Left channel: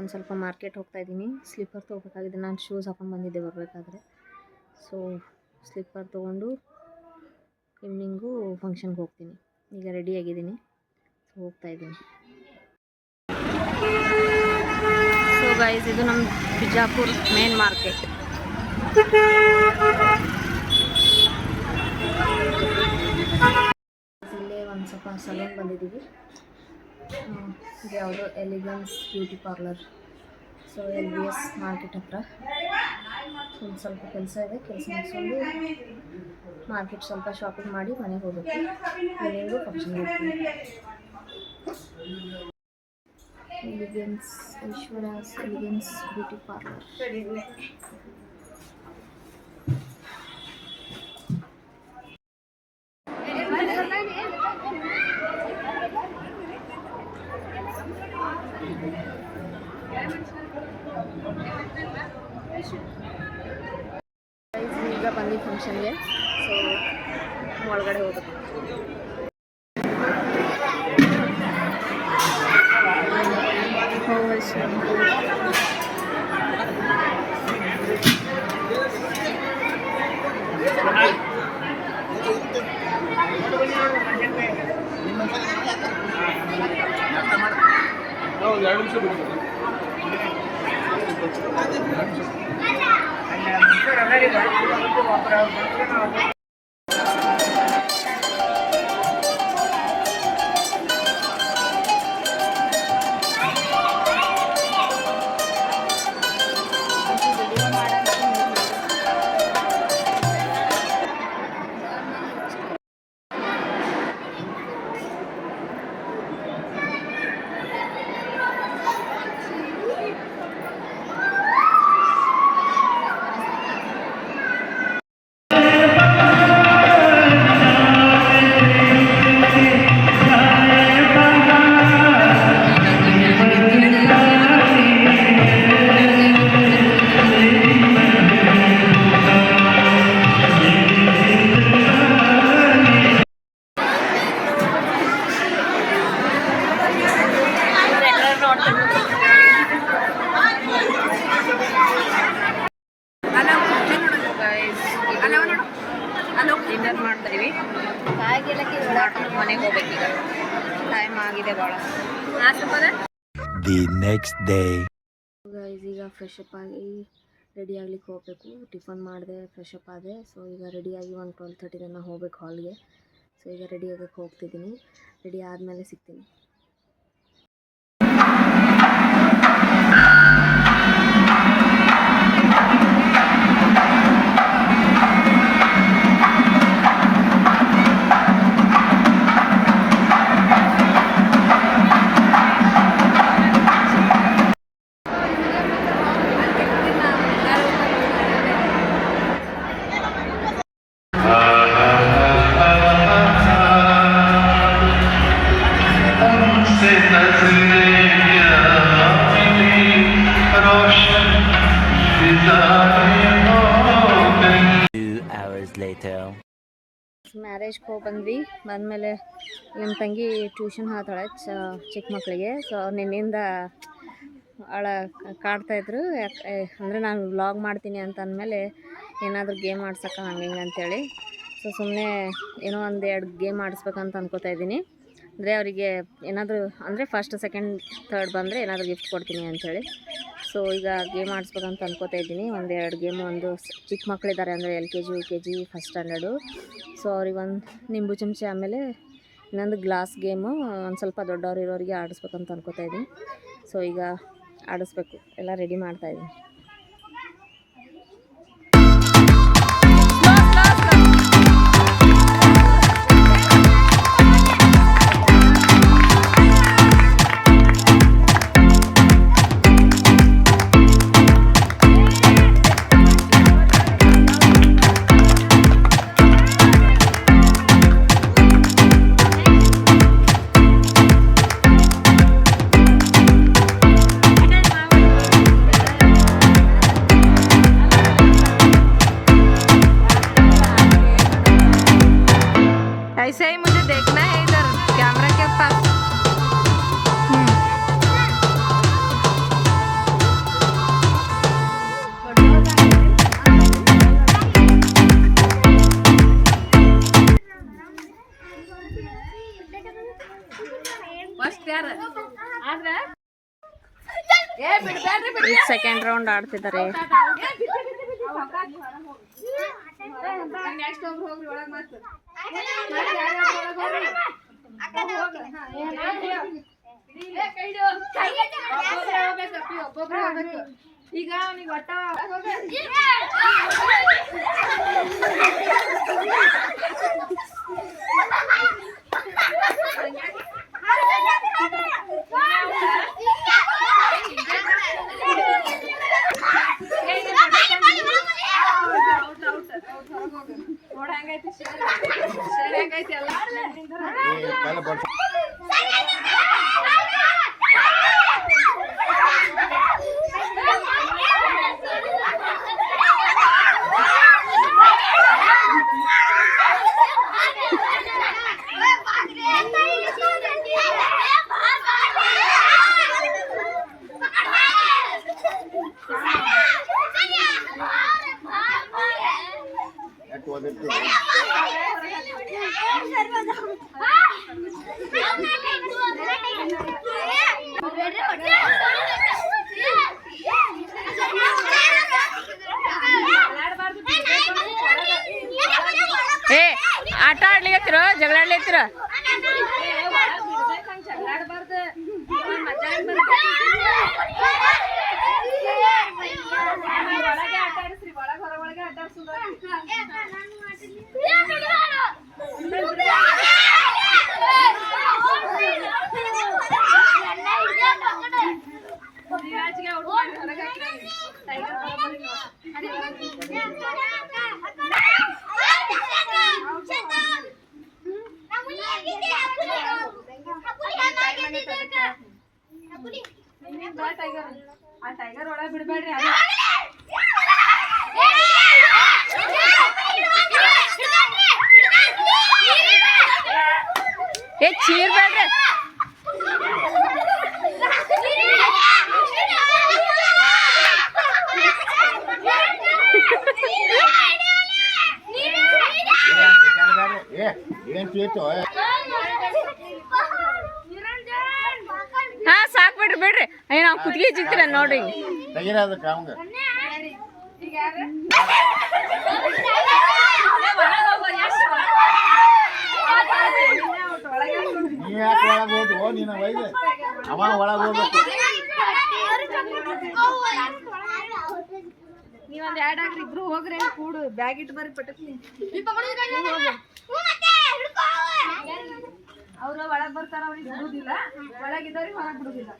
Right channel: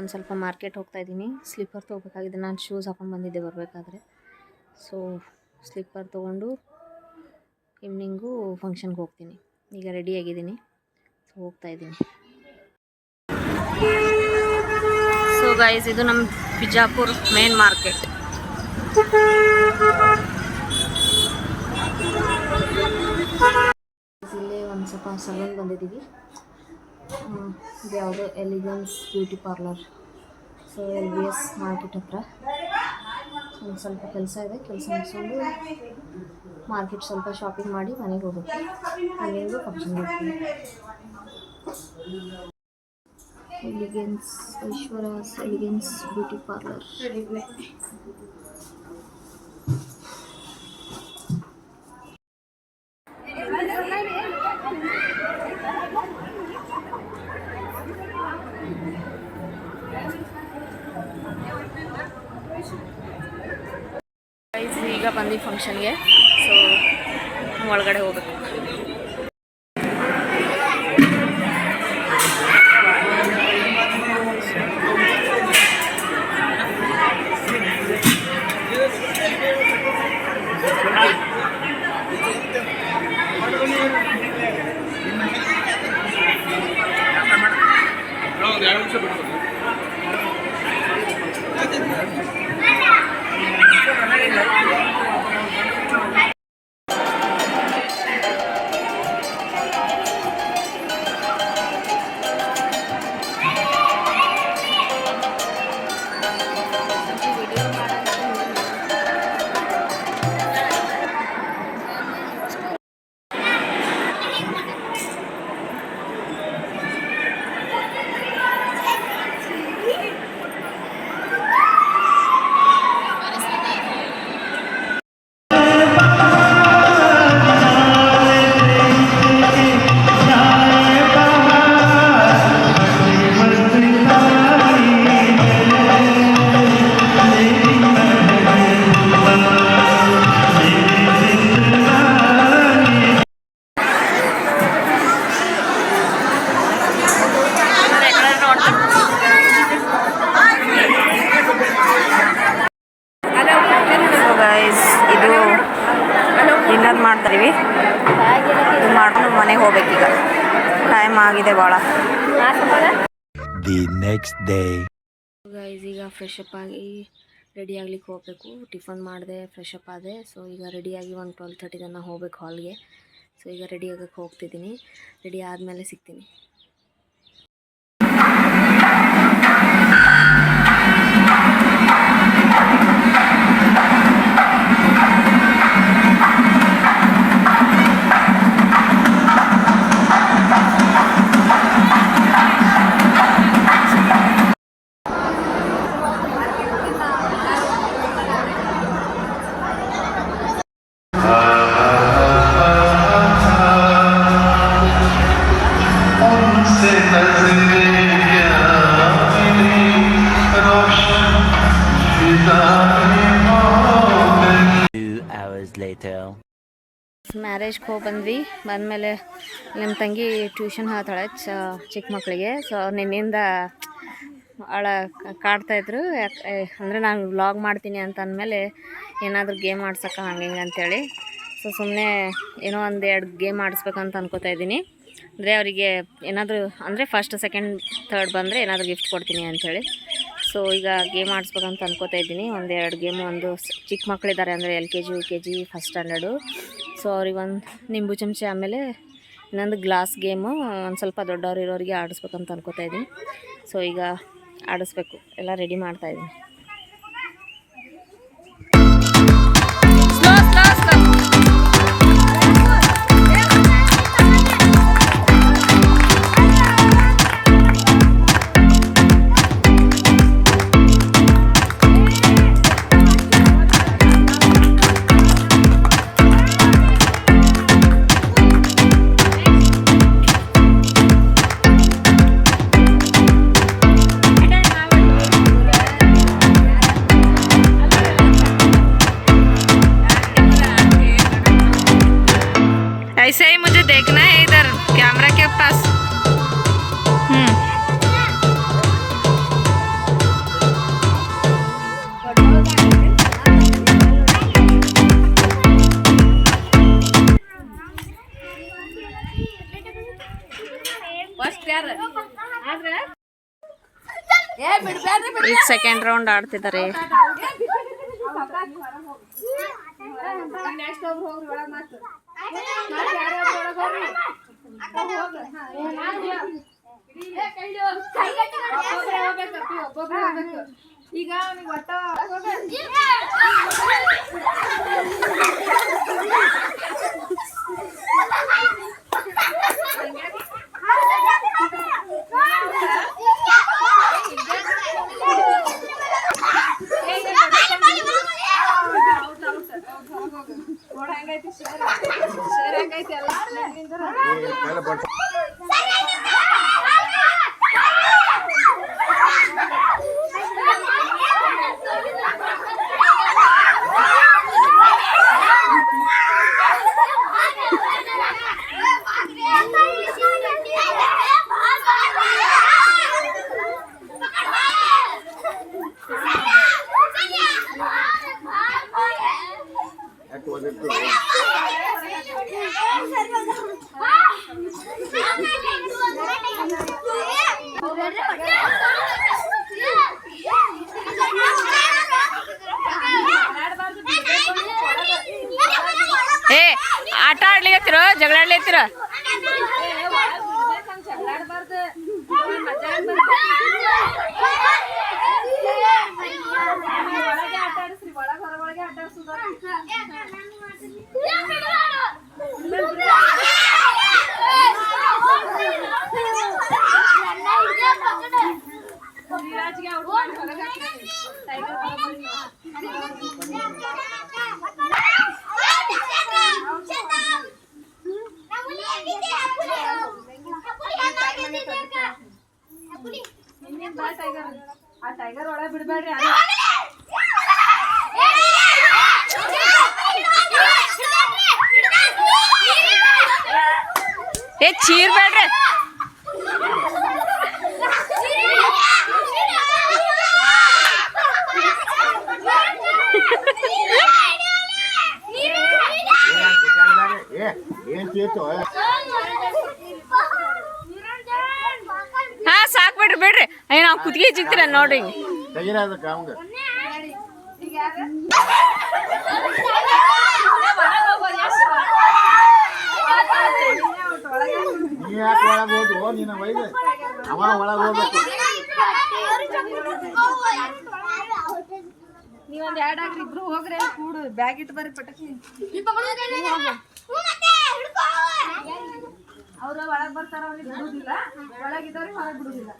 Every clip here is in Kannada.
ಒಂದು ಸ್ವಲ್ಪ ಮಾರ್ಕೆಟ್ ಹೋಗ್ತಾ ಇದ್ದೀನಿ. ಸ್ಲಿಪ್ಪರ್ ತೊಗೋಬೇಕಾಗಿದೆ. ನಾನು ಶೂಸ್ ಹಾಕೊಂಡು ಬಂದಿದ್ದೆ ಬರಬೇಕಾದ್ರೆ. ಸೊ ಸ್ಲಿಪ್ಪರ್ ತೊಗೊಂಡು ಈವ್ನಿಂಗು ಫಂಕ್ಷನ್ಗೆ ಹೋಗ್ತೀನಿ. ಈಗ ರೆಡಿಯಾಗಿದ್ದೀನಿ. ಸೊ ಹೋಗ್ತಾ ಇದ್ದೀನಿ. ಸೊ ಗೈಸ್, ಇದು ನಮ್ಮ ಬಿಜಾಪುರ್ ಮೇನ್ ಮಾರ್ಕೆಟ್. ಇಲ್ಲೇ ಒಂದು ಸ್ವಲ್ಪ ಸಲೂನ್ ಬಂದಿದ್ದೀವಿ. ಇದು ಯಾವುದೋ elegance beauty parlour. So LBS market ಹತ್ರ ಒಂದು ಸ್ವಲ್ಪ ಕೆಲಸ ಇದೆ. ಕೆಲಸ ಮುಗಿಸ್ಕೊಂಡು ಮಾರ್ಕೆಟ್ ಸ್ವಲ್ಪ ಶಾಪಿಂಗ್ ಮಾಡಿ ಮನೆಗೆ ಹೋಗ್ಬೇಕು. ಮನೆಗೂ ಫಂಕ್ಷನ್ಗೆ ಹೋಗ್ತೀವಿ. Elegance, Aishwarya's elegance beauty parlour. ಈಗ ಬಂದು ಫಂಕ್ಷನ್ಗೆ. ಸೊ ಒಳಗಡೆ ಹೋಗ್ಬೇಕು. ಡಿನ್ನರ್ ಮಾಡ್ತಾಯಿವಿ. ಮಾಡ್ಕೊಂಡು ಮನೆಗೆ ಹೋಗ್ಬೇಕೀಗ. ಟೈಮ್ ಆಗಿದೆ ಭಾಳ. ಗೈಸ್, ಈಗ ಫ್ರೆಶ್ ಅಪ್ ಆಗಿ ರೆಡಿ ಆಗ್ಲಿಕ್ಕೆ ಹೋಗಬೇಕು. ಟಿಫನ್ ಮಾಡಿದೆ, ಫ್ರೆಶ್ ಅಪ್ ಆದೆ. ಸೊ ಈಗ ರೆಡಿಯಾಗಿ ಒಂದು 12:30 ತನಕ ಹೋಗ್ಬೇಕು ಹಾಲ್ಗೆ. ಸೊ ಈಗ ರೆಡಿ ಆಗಕ್ಕೆ ಹೋಗ್ತಿದ್ದೀನಿ. ರೆಡಿ ಆದಮೇಲೆ ಸಿಗ್ತೀನಿ. ಮ್ಯಾರೇಜ್ಗೆ ಹೋಗಿ ಬಂದ್ವಿ. ಬಂದಮೇಲೆ ನಿಮ್ಮ ತಂಗಿ ಟ್ಯೂಷನ್ ಹೇಳ್ತಾಳೆ ಚಿಕ್ಕ ಮಕ್ಕಳಿಗೆ. ಸೊ ನಿನ್ನಿಂದ ಕಾಡ್ತಾಯಿದ್ರು. ಯಾಕೆ ಅಂದರೆ ನಾನು ವ್ಲಾಗ್ ಮಾಡ್ತೀನಿ ಅಂತ ಅಂದಮೇಲೆ ಏನಾದರೂ ಗೇಮ್ ಆಡ್ಸೋಕೆ ಹಂಗೆ ಹಿಂಗೆ ಅಂತೇಳಿ. ಸೊ ಸುಮ್ಮನೆ ಏನೋ 1-2 ಗೇಮ್ ಆಡಿಸ್ಬೇಕಂತ ಅನ್ಕೋತಾ ಇದ್ದೀನಿ. ಅಂದರೆ ಅವರಿಗೆ ಏನಾದರೂ ಅಂದರೆ ಫಸ್ಟ್, ಸೆಕೆಂಡ್, ಥರ್ಡ್ ಬಂದರೆ ಏನಾದರೂ ಗಿಫ್ಟ್ ಕೊಡ್ತೀನಿ ಅಂಥೇಳಿ. ಸೊ ಈಗ ಗೇಮ್ ಆಡಿಸ್ಬೇಕಂತ ಅನ್ಕೋತಾ ಇದ್ದೀನಿ. 1-2 ಗೇಮು. ಒಂದು ಚಿಕ್ಕ ಮಕ್ಕಳಿದ್ದಾರೆ, ಅಂದರೆ LKG UKG first standard. So ಅವ್ರಿಗೊಂದು ನಿಂಬು ಚಮಚ, ಆಮೇಲೆ ಇನ್ನೊಂದು ಗ್ಲಾಸ್ ಗೇಮು ಒಂದು ಸ್ವಲ್ಪ ದೊಡ್ಡವ್ರು ಇರೋರಿಗೆ ಆಡಿಸ್ಬೇಕಂತ ಅನ್ಕೋತಾ ಇದ್ದೀನಿ. ಸೊ ಈಗ ಆಡಿಸ್ಬೇಕು. ಎಲ್ಲ ರೆಡಿ ಮಾಡ್ತಾಯಿದ್ದೀನಿ. ऐसे ही मुझे देखना है इधर कैमरा के पास। ಈಗ ಸೆಕೆಂಡ್ ರೌಂಡ್ ಆಡ್ತಿದ್ದಾರೆ. ಈಗ ಅವನಿಗೆ ಒಟ್ಟ ನೋಡಂಗೈತಿ ಶೇರ್ ಹಂಗೈತಿ ಎಲ್ಲ ಏ ಆಟ ಆಡ್ಲಿಕತ್ತಿರೋ ಜಗಳ ಆಡ್ಲಿಕತ್ತಿರೋ ಒಳಗೆ ಆಟ ಆಡಿಸ್ರಿ ಒಳಗೆ ಹೊರಗೆ ಆಟ ಆಡಿಸೋದು ಆ ಟೈಗರ್ ಒಳಗೆ ಬಿಡಬೇಡ್ರಿ ಏ ಚೀರ್ಬೇಡ್ರಿ ಹಾ ಸಾಕ್ ಬಿಡ್ರಿ ಬಿಡ್ರಿ ಅಯ್ಯ ನಾವು ಕುತ್ತಿಗೆ ಚಿಕ್ತೀರ ನೋಡ್ರಿ ನೀವೊಂದು ಎರಡು ಹಾಕ್ರಿ ಇಬ್ರು ಹೋಗ್ರಿ ಕೂಡು ಬ್ಯಾಗ್ ಇಟ್ಟು ಬರ್ರಿ ಪಟಕ್ನಿ ಅವ್ರ ಒಳಗ್ ಬರ್ತಾರ ಅವ್ರಿಗೆ ಬಿಡುದಿಲ್ಲ ಒಳಗಿದ್ದವ್ರಿಗೆ ಹೊರಗೆ ಬಿಡುದಿಲ್ಲ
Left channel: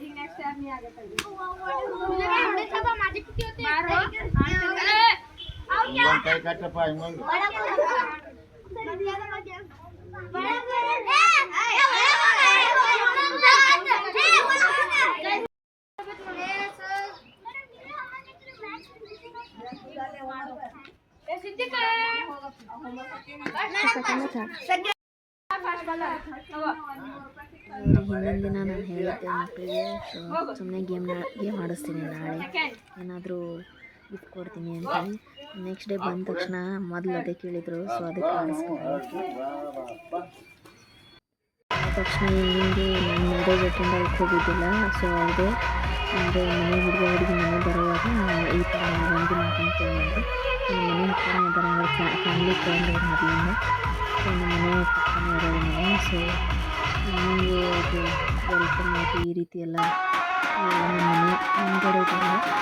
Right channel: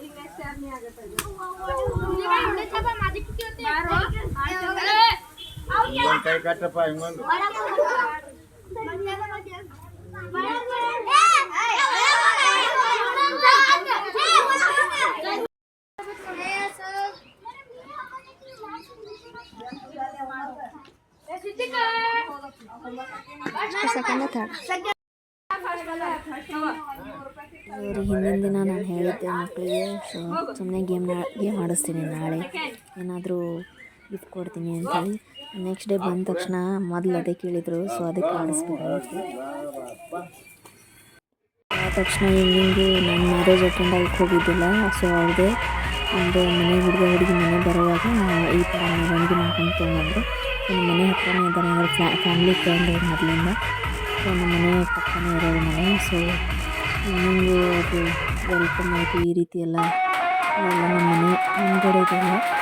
ಈಗ ನೆಕ್ಸ್ಟ್ ಯಾರು ನೀ ಆಗತ್ತೆ ಕೈ ಕಟ್ಟಪ್ಪ ಹಿಂಗೊಂದು ಹಿಂದಿನ ದಿನ ನಾನು ಹೇಳಿದ್ದೆ ಮಕ್ಕಳಿಗೆ ಸುಮ್ಮನೆ ಗೇಮ್ ಆಡಿಸ್ತೀನಿ ನಾಳೆ ಏನಾದರೂ ಗಿಫ್ಟ್ ಕೊಡ್ತೀನಿ ಅಂತ ಹೇಳಿ ನೆಕ್ಸ್ಟ್ ಡೇ ಬಂದ ತಕ್ಷಣ ಮೊದಲು ಅದೇ ಕೇಳಿದರು ಸೊ ಅದಕ್ಕೆ ಆಡಿಸ್ಬೇಕಾಗಿತ್ತು ಆದ ತಕ್ಷಣ ಹಿಂಗೆ ನಾನು ಮ್ಯಾರೇಜ್ ಅಟೆಂಡ್ ಆಗಕ್ಕೆ ಹೋಗಿದ್ದಿಲ್ಲ ಸೊ ಅವ್ರದ್ದೇ ಒಂದು ಮನೆ ಹುಡುಗಿ ಮನೆ ಬರುವಾಗ ಈ ಥರ ಮೆರವಣಿಗೆ ಮಾಡ್ಕೊಂಡು ತೊಗೊಂಡ್ರು ನಮ್ಮ ಮನೆ ಹತ್ರನೇ ಇದ್ದಾರೆ ಅಂದರೆ ಫ್ಯಾಮಿಲಿ ಫ್ರೆಂಡ್ ಮೊದಲಿಂದ ಸೊ ನಮ್ಮ ಮನೆ ಪಕ್ಕನೇ ಇರೋದು ಮನೆ ಸೊ ಇನ್ನೊಂದು ಅದು ವೆಲ್ಕಮ್ ಆಯಿತು ಈ ರೀತಿ ಎಲ್ಲ ನಮ್ಮ ಮನೆ ಮುಂದ್ಗಡೆ ಇದೆಲ್ಲ